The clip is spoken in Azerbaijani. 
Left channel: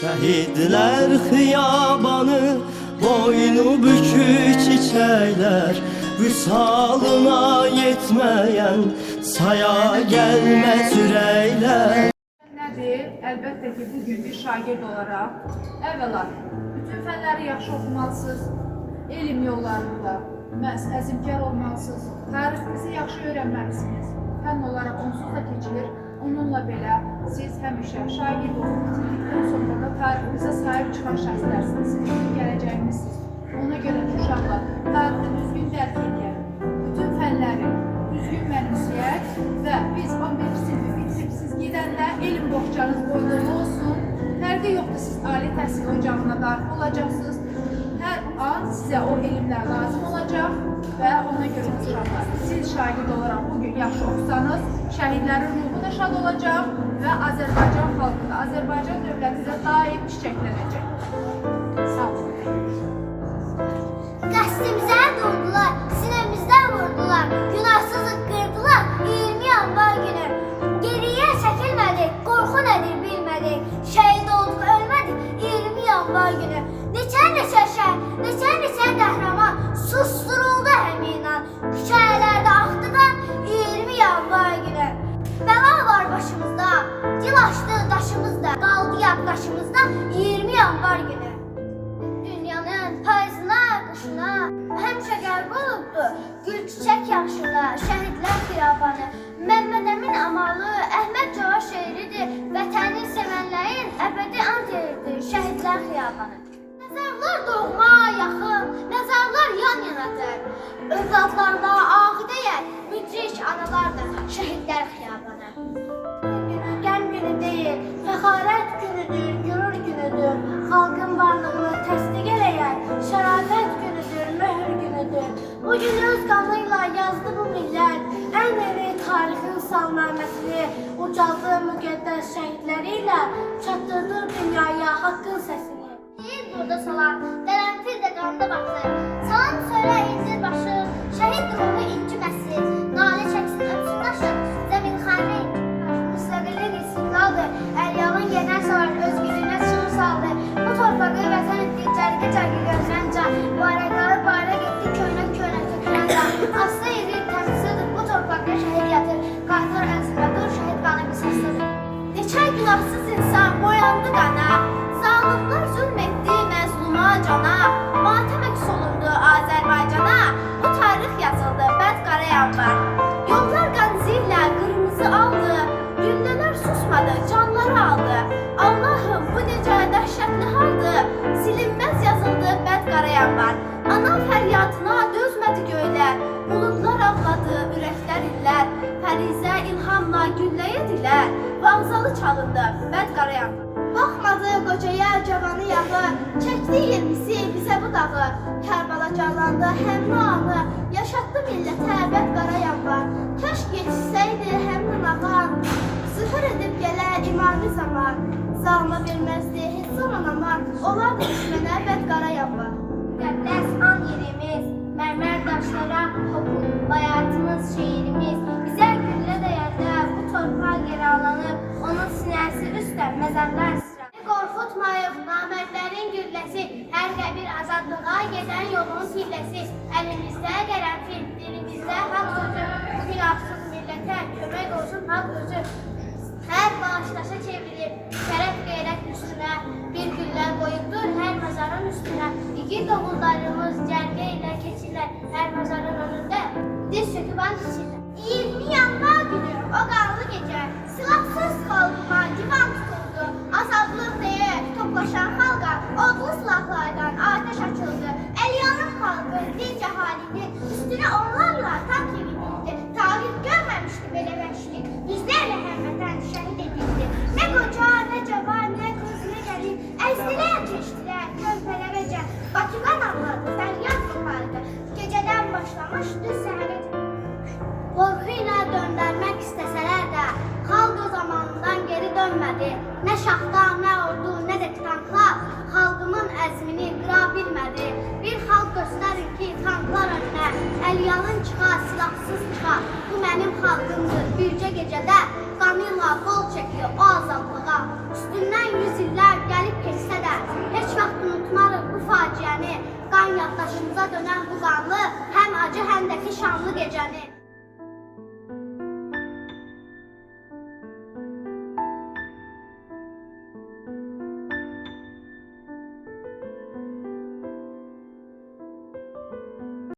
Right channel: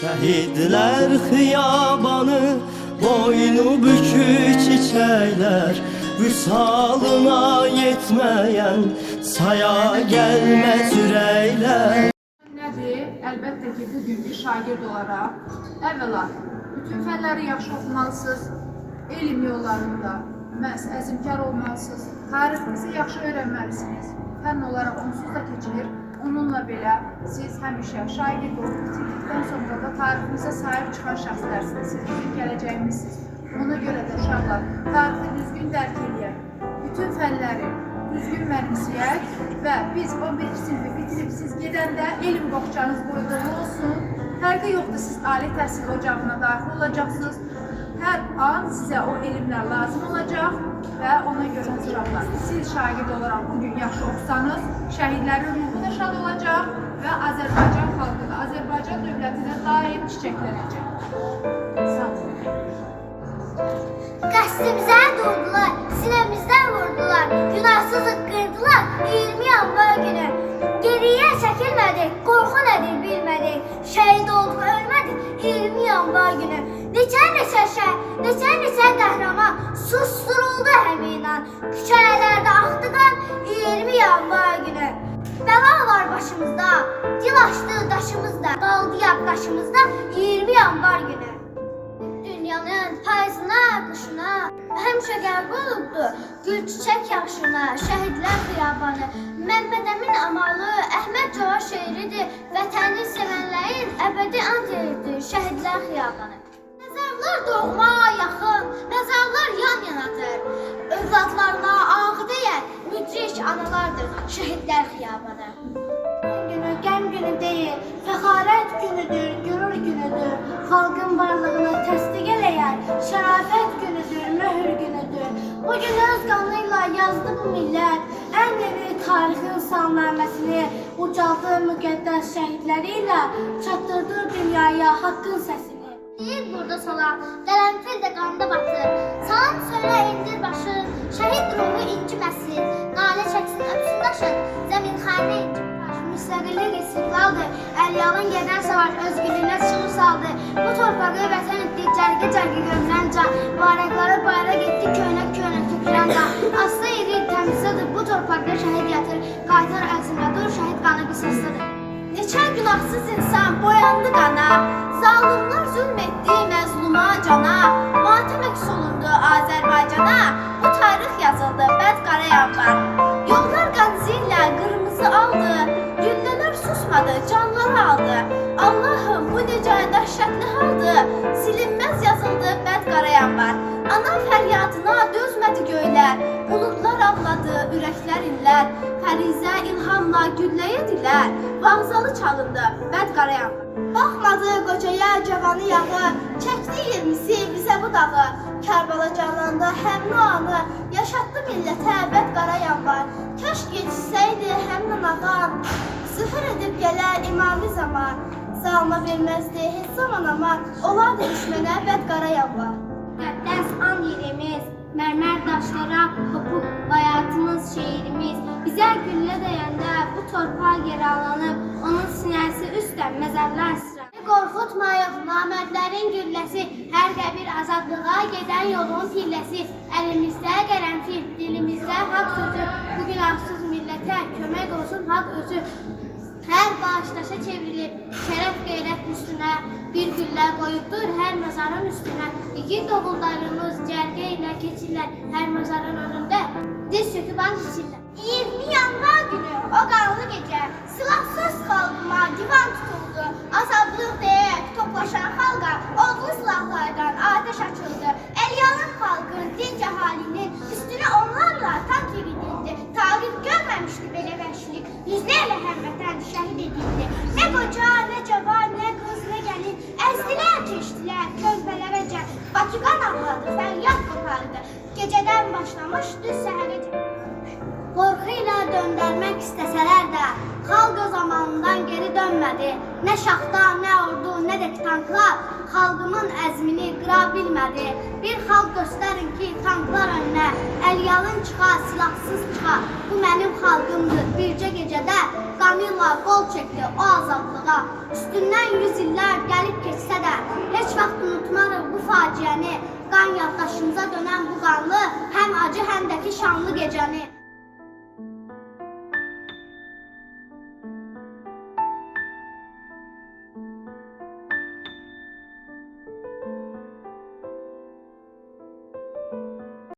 Şəhidlər xiyabanı, boynu bükük çiçəklər, vüsalına yetməyən saya gəlməz ürəklər. Nədir? Əlbəttə ki, bugün bir şagird olaraq əvvəla bütün fənləri yaxşı oxumalısınız, elm yollarında məhz əzmkar olmalısınız, tarixinizi yaxşı öyrənməlisiniz. Fənn olaraq onsuz da keçilir. Onunla belə siz həmişə şagird olub bitirdikdən sonra da tarixinizə sahib çıxan şəxslərsiniz. Siz bizim gələcəyimizsiniz. Ona görə də uşaqlar tarixi düzgün dərk edək, bütün fənləri düzgün mənimsəyək və biz 11-ci sinifi bitirib siz gedəndə elm boğçanız boyda olsun. Fərqi yoxdur, siz ali təhsil ocağına daxil olacaqsınız. Hər an sizə o elmlər lazım olacaq və ona görə uşaqlar, siz şagird olaraq bugün yaxşı oxusanız, şəhidlərin ruhu da şad olacaq və Azərbaycan xalqı da, Azərbaycan dövləti də daim çiçəklənəcək. Sağ olun. Qəsdimizə durdular, sinəmizdən vurdular, günahsızı qırdılar 20 yanvar günü. Geriyə çəkilmədik, qorxu nədir bilmədik, şəhid olduq ölmədik 20 yanvar günü. Neçə şəhid, neçə qəhrəman susturuldu həmin an, küçələrdə axdı qan 20 yanvar günü. Bəla var başımızda, dil açdı daşımızda, qaldı yaddaşımızda 20 yanvar günü. Dünyanın payızına, qışına, həmişə qərb olubdu, gül çiçək yaxşına, şəhidlər xiyabanı. Məmməd Əmin Amalı, Əhməd Cava şeiridir, vətəni sevənlərin əbədi ant yeridir, şəhidlər xiyabanı. Məzarlar doğma yaxın, məzarlar yan yanadır, övladlarla ağdəyən müdrik analardır, şəhidlər xiyabanı. Günü qəm günü deyil, fəxarət günüdür, gürur günüdür, xalqın varlığını təsdiq eləyər, şərafət günüdür, möhür günüdür. Bu gün öz qanıyla yazdı bu millət, ən yeni tarixin salnaməsini ucaldı müqəddəs şəhidləri ilə çatdırdı dünyaya haqqın səsini. Deyir burada salan, qərənfil də qanda batır, salan söylə indir başı, şəhid ruhu inciməsin, nalə çəksin öpsün daşın, zəmin xanı inciməsin. Müstəqillik istiqlaldır, əlyalın gedən savaş özgürlüyünə çığır saldı. Bu torpağı vətən etdi, cərgə gömülən can, bayraqları bayraq etdi, köynə tökülən can. Aslı edir, təmizlidir, bu torpaqda şəhid yatır, qaytar əzimlədir, şəhid qanı qisasıdır. Neçə günahsız insan boyandı qana, zalimlar zülm etdi məzluma cana, matəm əks olundu Azərbaycana, bu tarix yazıldı, bəd qara yanvar. Yollar qanzillə qırmızı aldı, güllələr susmadı, canları aldı. Allahım, bu necə dəhşətli haldır, silinməz yazıldı, bəd qara yanvar. Ana fəryadına dözmədi göylər, buludlar ağladı, ürəklər inlər, fərizə ilhamla gülləyə dilər, vağzalı çalındı, bəd qara yanvar. Baxmadı qocaya cavanı yağı, çəkdi 20'si bizə bu dağı, Kərbala canlandı həmin o anı, yaşatdı millətə bəd qara yanvar. Kəşk yetişsəydi həmin ağan, zühür edib gələr imami zaman, zalma verməzdi heç zaman aman, olardı düşmənə bəd qara yanvar. Müqəddəs an yerimiz, mərmər daşlara hopub bayatımız şeirimiz, bizə güllə dəyəndə bu torpaq yer alanıb, onun sinəsi üstdən məzarlar sıra. Qorxutmayıq namərdlərin gülləsi, hər qəbir azadlığa gedən yolun tilləsi, əlimizdə qərənfil, dilimizdə haqq sözü, bu günahsız millətə kömək olsun haqq özü. Hər bağışdaşa çevrilib, şərəf qeyrət üstünə, bir güllə qoyubdur hər məzarın üstünə. İgid oğullarımız cərgə ilə keçirlər, hər məzarın önündə diz çöküb and içirlər. 20 yanvar günü, o qanlı gecə, silahsız xalqıma divan tutuldu, azadlıq deyək toplaşan xalqa, odlu silahlardan ateş açıldı. Əlyalın xalqın, dinc əhalinin üstünə onlarla tank yeridildi. Tarix görməmişdi belə vəhşilik, yüzlərlə həmvətən şəhid edildi. Nə qoca, nə cavan, nə qız, nə gəlin, əzdilər, keçdilər, körpələrəcə. Bakıqan ağladı, fəryad qopardı, gecədən başlamış düz səhərəcə. Qorxu ilə döndərmək istəsələr də, xalq o zamanından geri dönmədi. Nə şaxta, nə ordu, nə də tanklar xalqımın əzmini qıra bilmədi. Bir xalq göstərin ki, tanklar önünə, əlyalın çıxa, silahsız çıxa. Bu mənim xalqımdır, bircə gecədə qanıyla qol çəkdi o azadlığa. Üstündən 100 illər gəlib keçir. yaddaşımıza dönən bu qanlı, həm acı, həm də ki şanlı gecəni.